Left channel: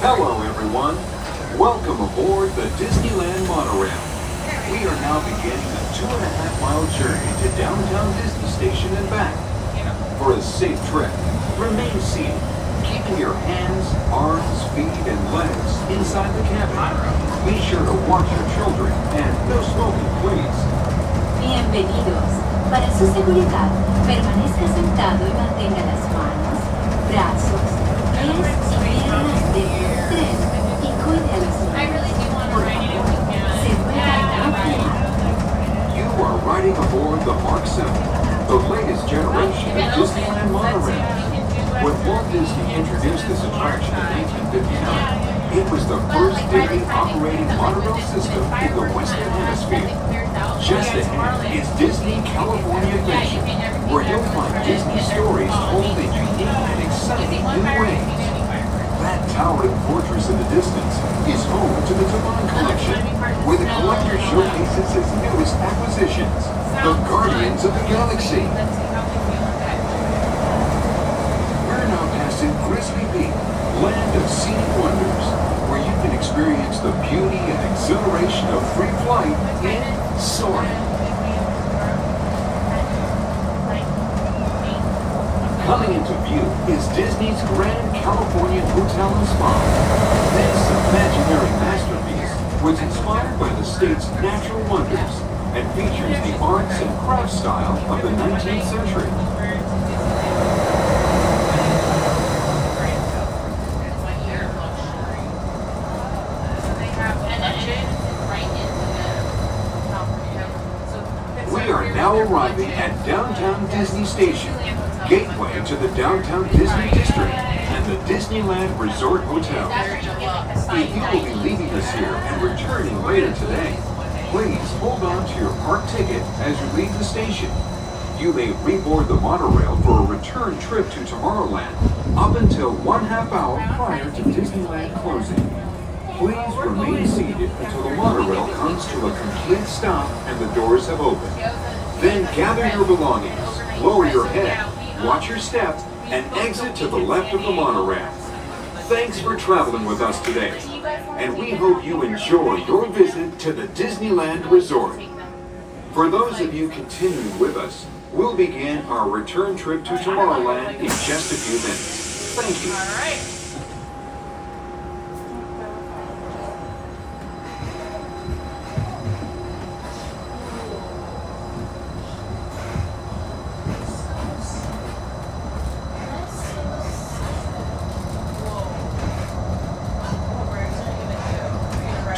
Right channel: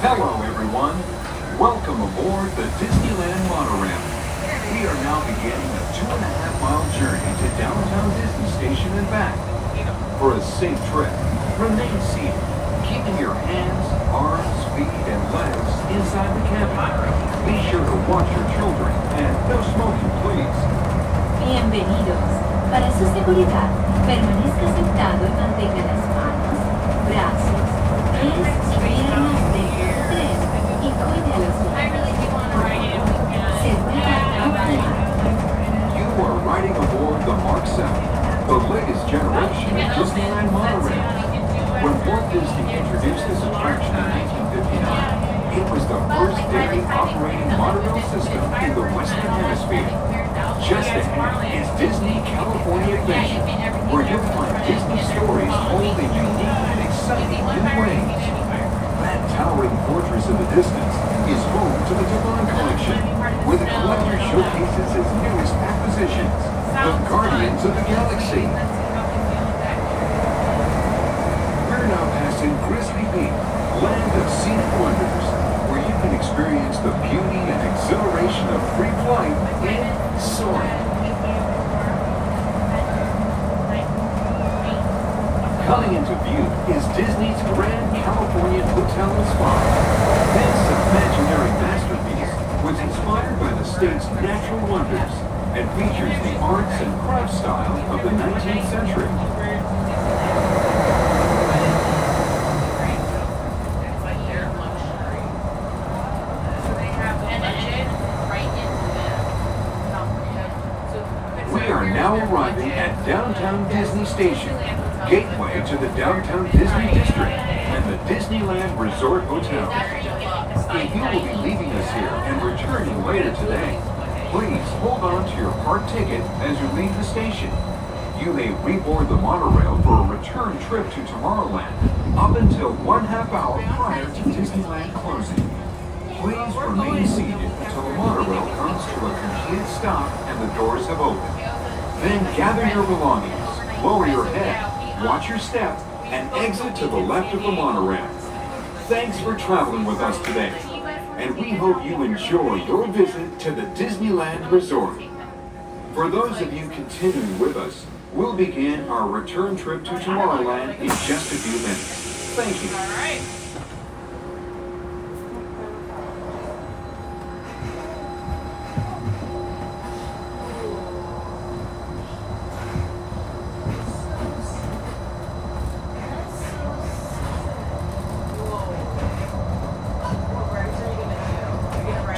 Hello everyone, welcome aboard the Disneyland Monorail. We are now beginning a 2.5-mile journey to downtown Disney Station and back. For a safe trip, remain seated, keeping your hands, arms, feet, and legs inside the cabin. Be sure to watch your children and no smoking, please. Bienvenidos. Para su seguridad, permanezca sentado y mantenga las manos, brazos, pies y piernas dentro del tren y cuide a los niños. Por favor, se ruega no fumar. You are riding aboard the Mark 7, the latest generation of Disneyland monorails. When Walt Disney introduced this attraction in 1959, it was the first daily operating monorail system in the Western Hemisphere. Just ahead is Disney California Adventure, where you'll find Disney stories told in unique and exciting new ways. That towering fortress in the distance is home to the Tabon Collection, where the collector showcases its newest acquisitions, the Guardians of the Galaxy. We're now passing Grizzly Peak, land of scenic wonders, where you can experience the beauty and exhilaration of free flight in soaring. Coming into view is Disney's Grand Californian Hotel and Spa. This imaginary masterpiece was inspired by the state's natural wonders and features the arts and crafts style of the 19th century. We are now arriving at downtown Disney Station, gateway to the downtown Disney District and the Disneyland Resort Hotel. If you will be leaving us here and returning later today, please hold on to your park ticket as you leave the station. You may reboard the monorail for a return trip to Tomorrowland up until 1/2 hour prior to Disneyland closing. Please remain seated until the monorail comes to a complete stop and the doors have opened. Then gather your belongings, lower your head, watch your step, and exit to the left of the monorail. Thanks for traveling with us today, and we hope you enjoy your visit to the Disneyland Resort. For those of you continuing with us, we'll begin our return trip to Tomorrowland in just a few minutes. Thank you.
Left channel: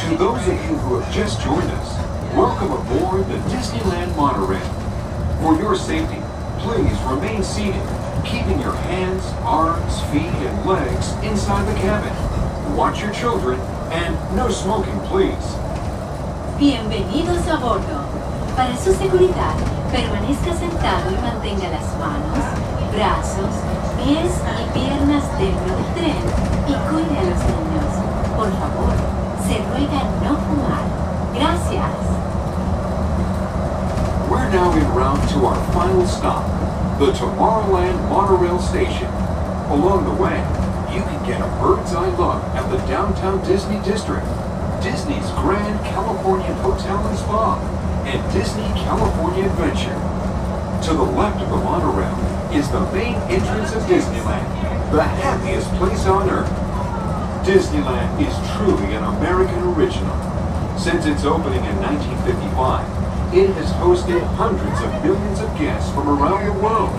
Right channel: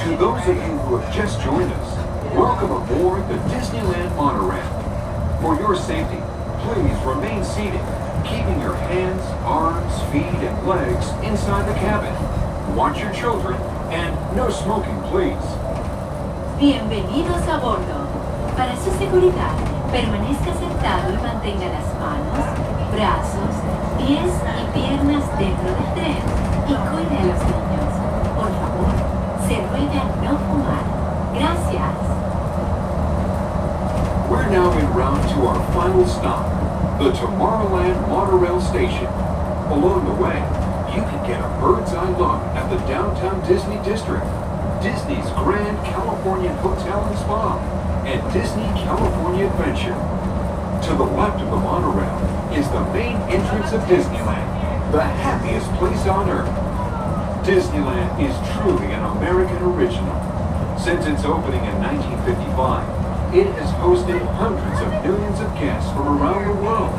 To those of you who have just joined us, welcome aboard the Disneyland Monorail. For your safety, please remain seated, keeping your hands, arms, feet, and legs inside the cabin. Watch your children, and no smoking, please. Bienvenidos a bordo. Para su seguridad, permanezca sentado y mantenga las manos, brazos, pies y piernas dentro del tren y cuide a los niños. Por favor, se ruega no fumar. Gracias. We're now en route to our final stop, the Tomorrowland Monorail Station. Along the way, you can get a bird's-eye look at the downtown Disney District, Disney's Grand Californian Hotel and Spa, and Disney California Adventure. To the left of the monorail is the main entrance of Disneyland, the happiest place on Earth. Disneyland is truly an American original. Since its opening in 1955, It has hosted hundreds of millions of guests from around the world,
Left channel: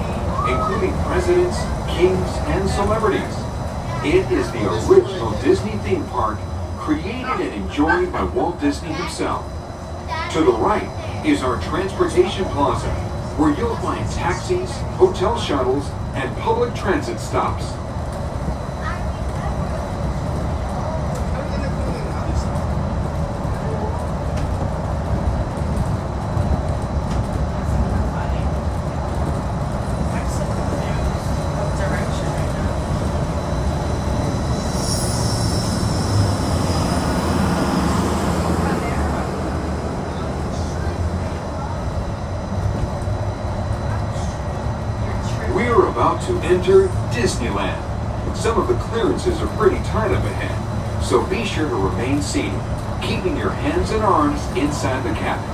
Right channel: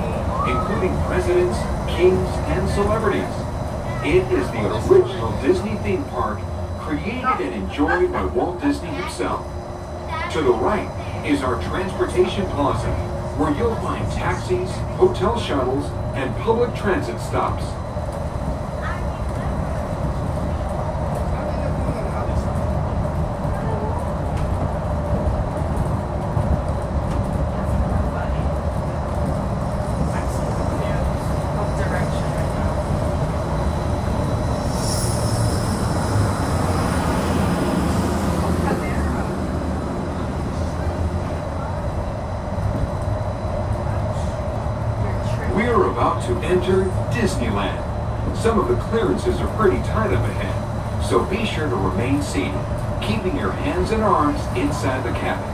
including presidents, kings, and celebrities. It is the original Disney theme park created and enjoyed by Walt Disney himself. To the right is our transportation plaza, where you'll find taxis, hotel shuttles, and public transit stops. To enter Disneyland. Some of the clearances are pretty tight up ahead, so be sure to remain seated, keeping your hands and arms inside the cabin.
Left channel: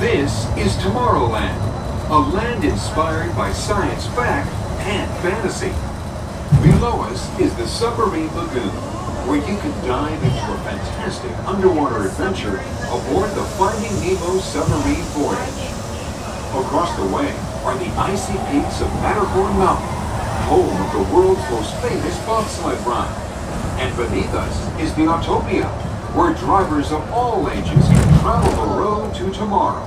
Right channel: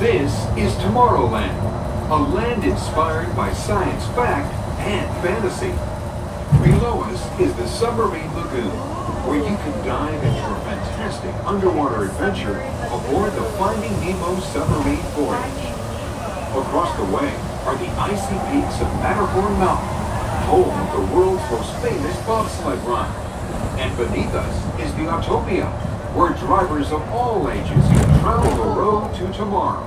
This is Tomorrowland, a land inspired by science fact and fantasy. Below us is the Submarine Lagoon, where you can dive into a fantastic underwater adventure aboard the Finding Nemo submarine voyage. Across the way are the icy peaks of Matterhorn Mountain, home of the world's most famous bobsled ride. And beneath us is the Autopia, where drivers of all ages can travel the road to tomorrow.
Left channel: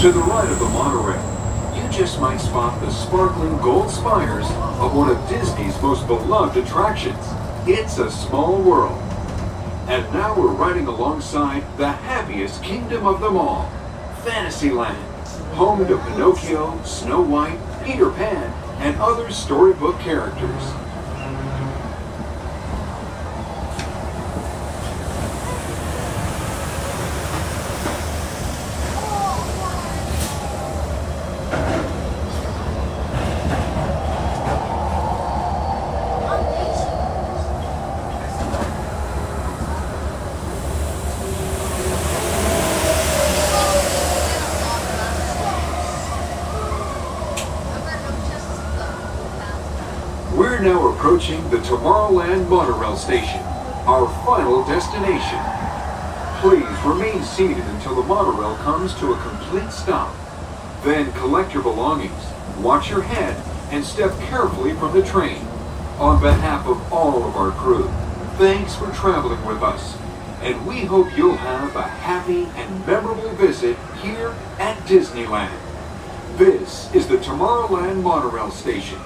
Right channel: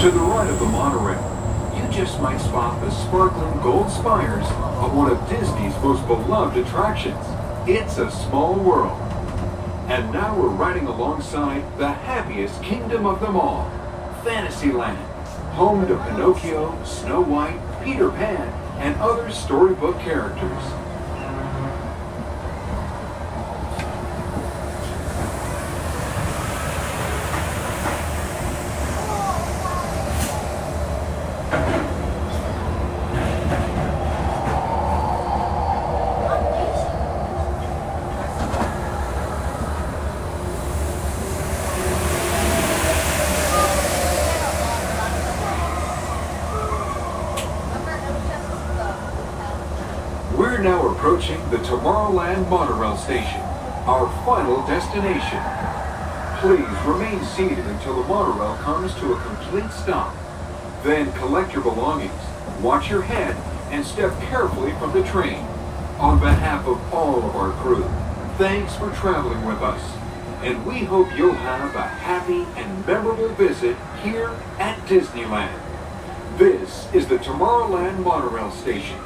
To the right of the monorail, you just might spot the sparkling gold spires of one of Disney's most beloved attractions. It's a small world. And now we're riding alongside the happiest kingdom of them all, Fantasyland, home to Pinocchio, Snow White, Peter Pan, and other storybook characters. We're now approaching the Tomorrowland Monorail station, our final destination. Please remain seated until the monorail comes to a complete stop. Then collect your belongings, watch your head, and step carefully from the train. On behalf of all of our crew, thanks for traveling with us, and we hope you'll have a happy and memorable visit here at Disneyland. This is the Tomorrowland Monorail Station.